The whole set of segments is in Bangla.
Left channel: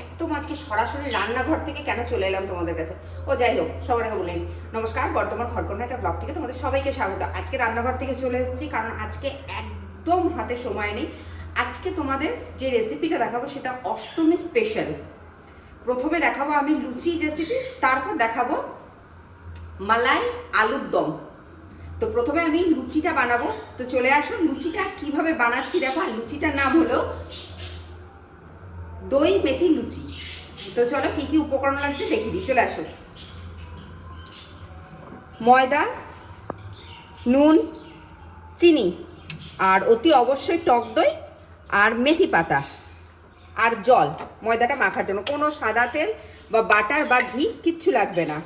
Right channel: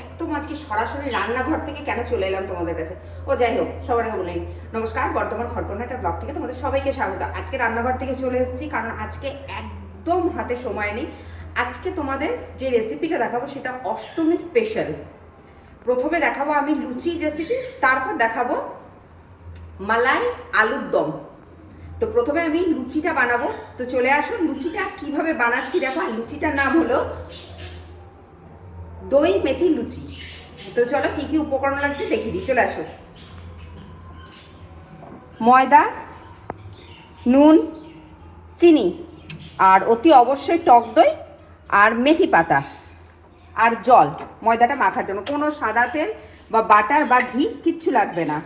একদম আজকে সরাসরি রান্নাঘর থেকে কেন চলে এলাম তোমাদের কাছে। ও যাই হোক, সবার আগে বলে নিই, নমস্কার, বর্তমান ঘরকন্যা একটা ব্লগ থেকে তোমাদের সবাইকে স্বাগত। আজকে রান্নাঘর থেকে চলে এসেছি কারণ আজকে একদম হাতে সময় নেই। আজকে তোমাদের যে রেসিপিটা দেখাবো সেটা অষ্টমী স্পেশাল। প্রথমে দেখাবো আমি লুচির রেসিপি, তারপর দেখাবো মালাই আলুর দম। তো প্রথমে আমি লুচিটা বানাবো, তো চলে আসো। লুচিটা কিভাবে বানাচ্ছি দেখো। আর লুচিটার নাম হলো দই মেথি লুচি। তো চলো কি কি উপকরণ লাগছে দেখিয়ে দিই, চলে আসো। ময়দা, নুন, চিনি, আর অতি অবশ্যই টক দই, আর মেথি পাতা, আর জল ময়দাটা মাখার জন্য। কোনো সাদা তেল বা বাটার বা ঘি কিচ্ছু লাগবে না।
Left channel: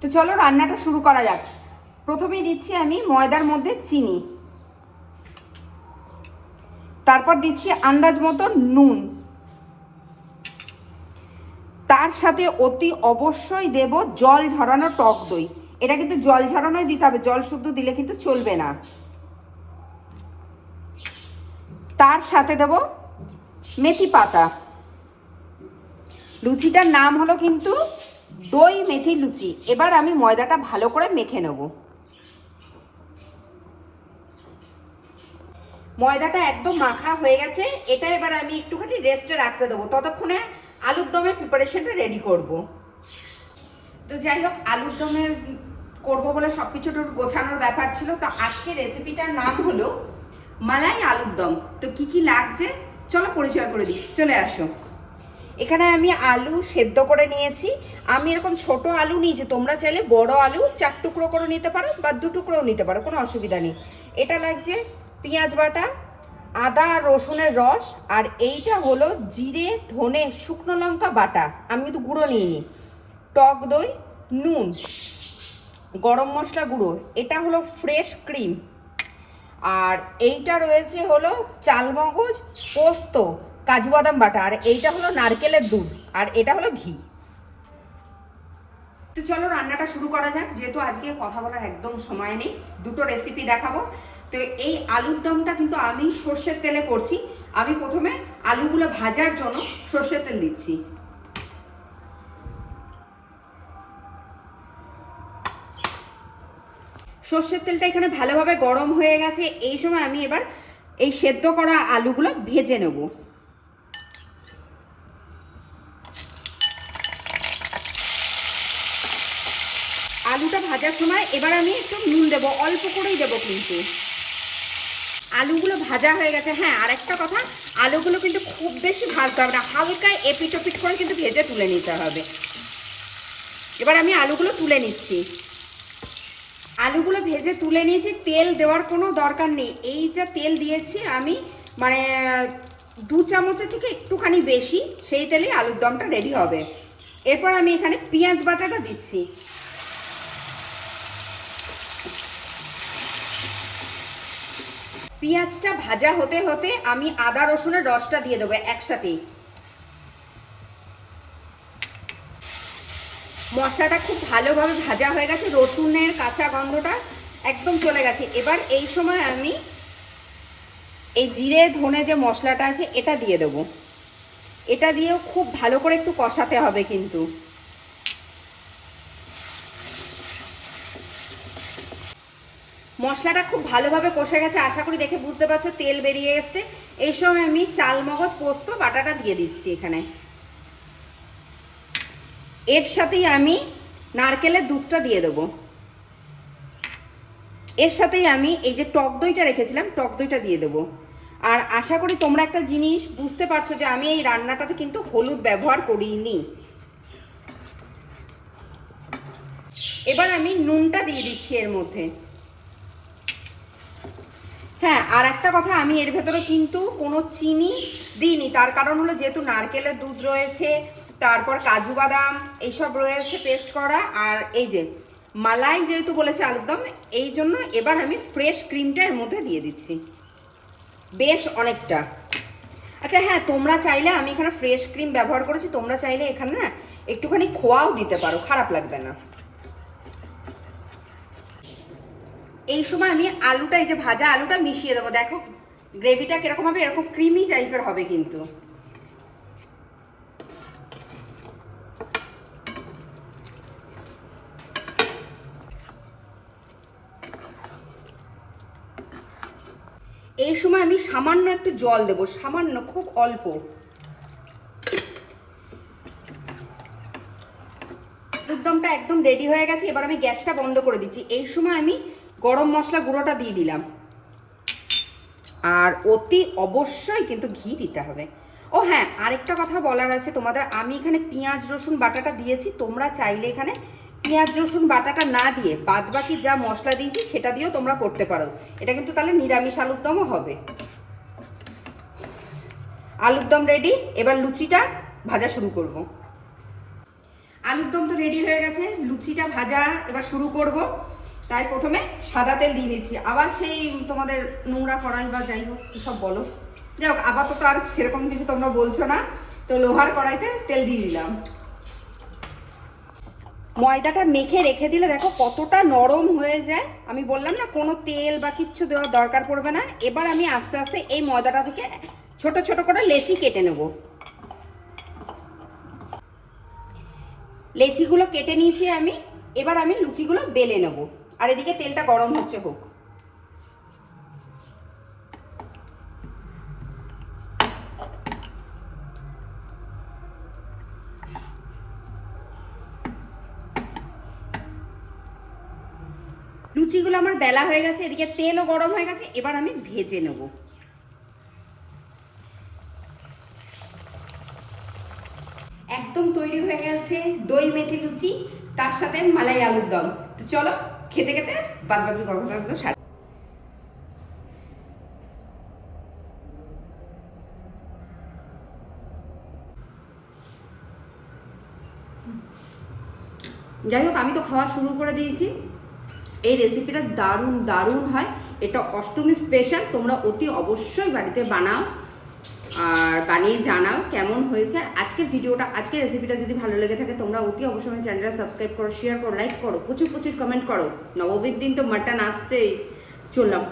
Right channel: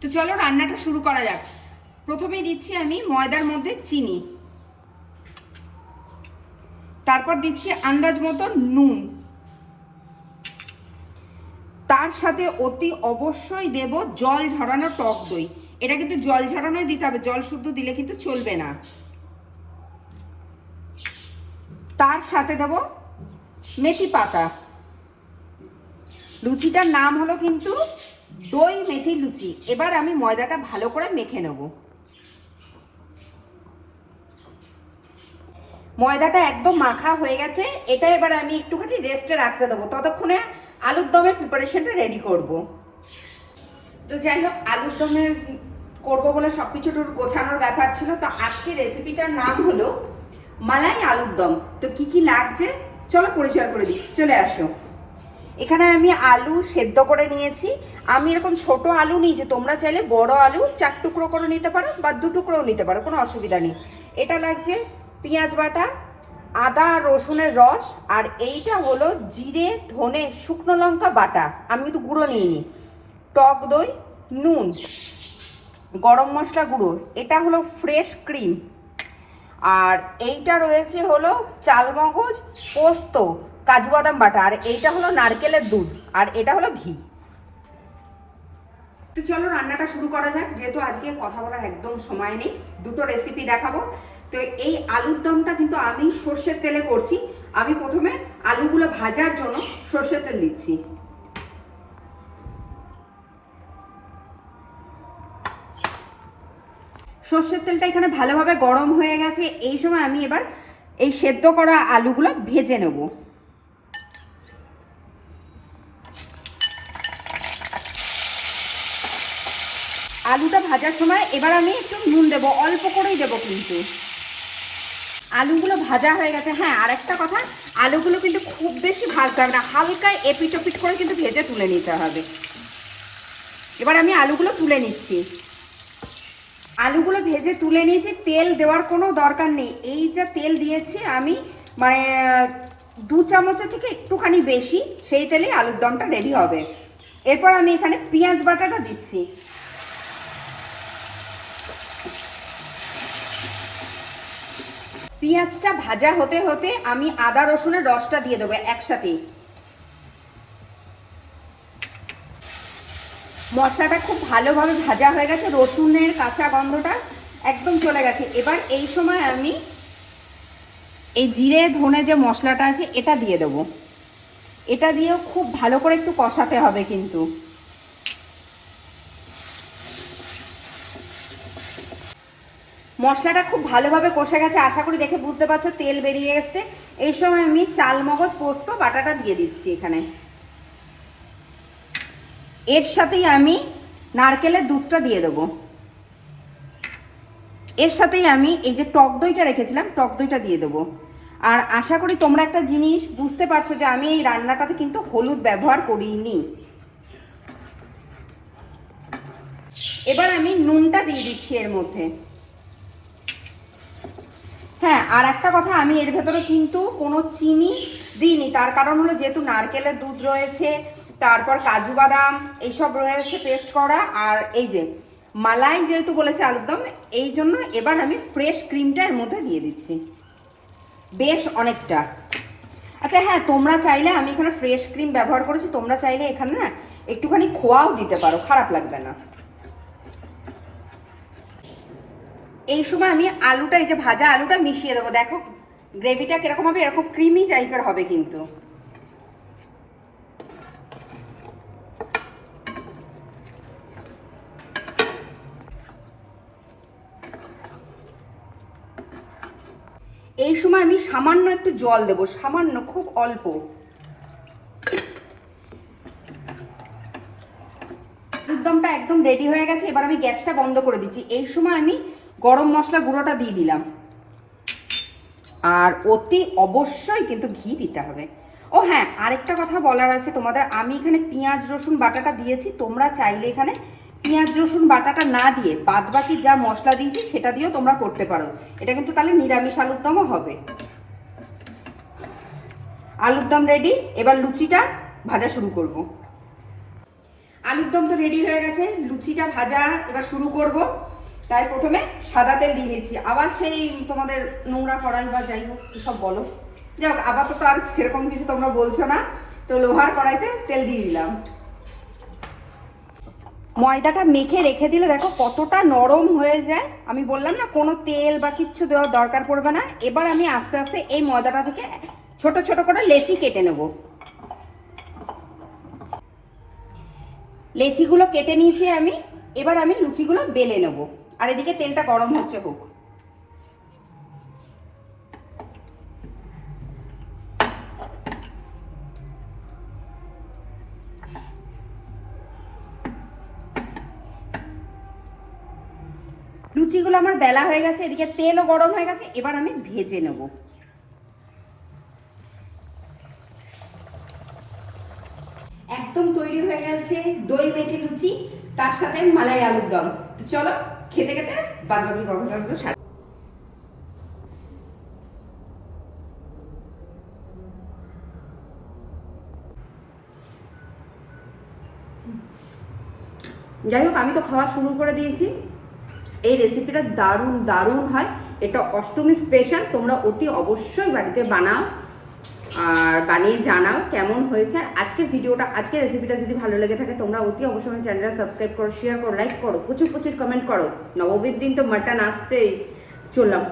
তো চলো রান্নাটা শুরু করা যাক। প্রথমেই দিচ্ছি আমি ময়দার মধ্যে চিনি, তারপর দিচ্ছি আন্দাজ মতো নুন, তার সাথে অতি অবশ্যই দেব জল ঝরানো টক দই। এটা কিন্তু জল ঝরানোই দিতে হবে, জল শুদ্ধ দিলে কিন্তু চলবে না। তার সাথে দেব মেথি পাতা। লুচিটার নাম হলো কিন্তু দই মেথি লুচি। এবার আমি ময়দাটা ভালো করে মেখে নেব। ময়দাটা একদম মাখা হয়ে গেছে, এটা এবার আমি একটুখানি রেস্টে রাখতে দেবো। ততক্ষণে আলুর দমের প্রিপারেশনটা রেডি করব। তো যাই হোক, আলুর দমের করবো বলে সব কিছু গোছানোর ব্যাপার ছিল। তো আজকে রেসিপিটার নাম হলো মালাই আলুর দম। তো কি কি লাগছে চলো পরিচয় করে দিই, চলে আসো। এখানে আমি আলু সেদ্ধ করে নিয়েছি। আমি এরকম ছোট আলু নিয়েছি, তোমরা চাইলে বড় আলু 4 টুকরো করে নিতে পারো বা 2 টুকরোও নিতে পারো, কোনো অসুবিধা নেই। এটা লাগছে পেঁয়াজ বাটা, আদা রসুনের রস, আর এইটা হলো জিরে ধনে শুকনো লঙ্কা বাটা, আমি কিন্তু গুঁড়ো নিইনি, টক দই, নুন, গরম মশলা গুঁড়ো, এটা হলো ফ্রেশ ক্রিম, আর এইটা রয়েছে হলো চালমগজ, পোস্ত, কাজু বাদাম বাটা, আর এইটা হলো নারকেলের দুধ, আর এটা হলো ঘি। তো চলো রান্নাটা শুরু করা যাক। যেহেতু আজকে কথা বলার একদম সময় নেই, দুটো রেসিপি দেখাবো। তো এই আলুর দমটা কিন্তু আমি সর্ষের তেলে করছি। আমি প্রথমে আলুগুলো ভাজার জন্য সর্ষের তেল দিচ্ছি। সর্ষের তেলটা এখানে ভালোভাবে গরম হয়ে গেছে। এই সময় আমি এবার এই সেদ্ধ করা আলুগুলো ভেজে নেব। আলুটা ভাজার সময় এবার আমি একটু নুন দেবো, অল্প করেই দেবো কিন্তু। আলুগুলো ভাজা হয়ে গেছে। হ্যাঁ, আর একটা কথা, আলুগুলো কিন্তু খুব বেশি ভাজতে হবে না, হালকা এপিট ওপিট করে কিন্তু ভেজে তুলে নিতে হবে। এবার আমি আলুগুলো তুলে নিচ্ছি। আলুগুলো ভেজে তুলে নিয়েছি, তেল দেওয়ার কোনো দরকার নেই। এই যে তেল দিয়েছি আমি, মানে 2 চামচের থেকে একটুখানি বেশি, সেই তেলেই আলুর দমটা রেডি হবে। এরপর আমি এখানে পেঁয়াজ বাটাটা দিচ্ছি। পেঁয়াজটা ভাজা হতে হতে আমি আদা রসুনের রসটা দিয়ে দেবো একসাথেই। মশলাটা খুব ভালোভাবে ভাজা হয়ে গেছে, রসুনের কাঁচা গন্ধটা একদম চলে গেছে। এবার এই সময় আমি এই জিরে ধনে যে মশলাটা আছে এটা দিয়ে দেবো। এটা দিয়ে খুব ভালো করে একটু কষাতে হবে কিন্তু। মশলাটা খুব ভালোভাবে কষে গেছে, আশা করি দেখে বুঝতে পারছো তেল বেরিয়ে এসছে। এই সময় আমি চালমগজ পোস্ত বাটাটা দিয়ে দিচ্ছি এখানে। এর সাথেই আমি নারকেলের দুধটা দিয়ে দেবো। এর সাথেই আমি এই যে টক দইটা রেখেছিলাম, টক দইটা দিয়ে দেবো। আর আশা করি তোমরা একটা জিনিস বুঝতে পারছো যে আমি এই রান্নাটাতে কিন্তু হলুদ ব্যবহার করিনি। এবার আমি নুনটা দিয়ে দিচ্ছি এর মধ্যে। হ্যাঁ, আর একটা কথা, আমি এর ভেতরে কিন্তু কোনো চিনি দিইনি, তার কারণ হলো যেহেতু নারকেলের দুধ রয়েছে, তারপর কাজু বাদাম এইসব রয়েছে পেস্ট করা, আর এই যে মালাই যেহেতু বলেছে আলুর দম, এই জন্য এবার আমি ফ্রেশ ক্রিমটা এর মধ্যে দিয়ে দিচ্ছি বেশ অনেকটা। আচ্ছা হ্যাঁ, তোমরা চাইলে, আমি এখানে ফ্রেশ ক্রিম ব্যবহার করেছি, তোমরা চাইলে এখানে না একটুখানি খোয়াও দিতে পারো, খারাপ লাগবে না। এই সময় আমি আলুটা, এই যে ভাজা আলুটা মিশিয়ে দেবো। দেখো গ্রেভিটা কিরকম হবে, এরকম ক্রিমি টাইপের হবে কিন্তু। এই সময় আমি সামান্য একটু জল দেবো, সামান্য, খুব অল্প। আলুর দমটা একদম রেডি হয়ে গেছে, এবার আমি গ্যাসটা বন্ধ করে দিচ্ছি। এই সময় আমি গরম মশলা গুঁড়োটা দিয়ে দিলাম, আর অতি অবশ্যই কিন্তু ঘি দিতে হবে। ও হ্যাঁ, আরেকটা কথা বলার আছে তোমাদের, আমি এখানে পেঁয়াজ রসুন বাটাটা দিয়েছি, তোমরা চাইলে এখানে পেঁয়াজ রসুন বাটাটা না দিয়ে বাদ বাকি যা মশলা দিয়েছি সেটা দিয়েও তোমরা করতে পারো। এটা কিন্তু তাহলে নিরামিষ আলুর দমও হবে। আলুর দম রেডি, এবার লুচিটা ভাজা শুরু করব। আলুর দম তো রেডি হয়ে গেছে, লুচিটা ভাজা এবার শুরু করব। তাই প্রথমে সাদা তেল দিয়ে নিচ্ছি, আবার সেই তোমাদের নোংরা কড়াই বা যাই হোক সব বলো, যাই হোক আপাতত আর সেরকম কিছু তোমরা বলছো না, তো লোহার কড়াইতে তেল দিয়ে দিলাম। ময়দাটা মেখে রেখে দিলে দেখো কতটা নরম হয়ে যায়। আমি বললাম না কোনো তেল বা কিচ্ছু দেওয়ার দরকার পড়বে না। এবার আমি আস্তে আস্তে এই ময়দাটা থেকে ছোট ছোট করে লেচি কেটে নেব। লেচিগুলো কেটে নিয়েছি আমি, এবার আমি লুচিগুলো বেলে নেব, আর এদিকে তেলটা গরম হচ্ছে হোক। লুচিগুলো আমার বেলা হয়ে গেছে, এদিকে তেলও গরম হয়ে গেছে, এবার আমি ভেজে নেব। একদম তৈরি হয়ে গেছে দই মেথি লুচি, তার সাথে মালাই আলুর দম। তো চলো খেতে খেতে বাদ বাকি কথাগুলো সারা। যাই হোক, আমি তো খাওয়া শুরু করে দিয়েছি। এই রেসিপিটা দারুণ দারুণ হয়, এটা অষ্টমী স্পেশাল। তোমরা অতি অবশ্যই বাড়িতে বানাও আর বানিয়ে জানাও কেমন হয়েছে। আজকের ভিডিওটা, আজকের রেসিপিটা যদি ভালো লেগে থাকে তোমরা অতি অবশ্যই আমার চ্যানেলটা সাবস্ক্রাইব করো, শেয়ার করো, লাইক করো, প্রচুর প্রচুর কমেন্ট করো। নবমীর দিন তো মাটন আসছেই। চললাম।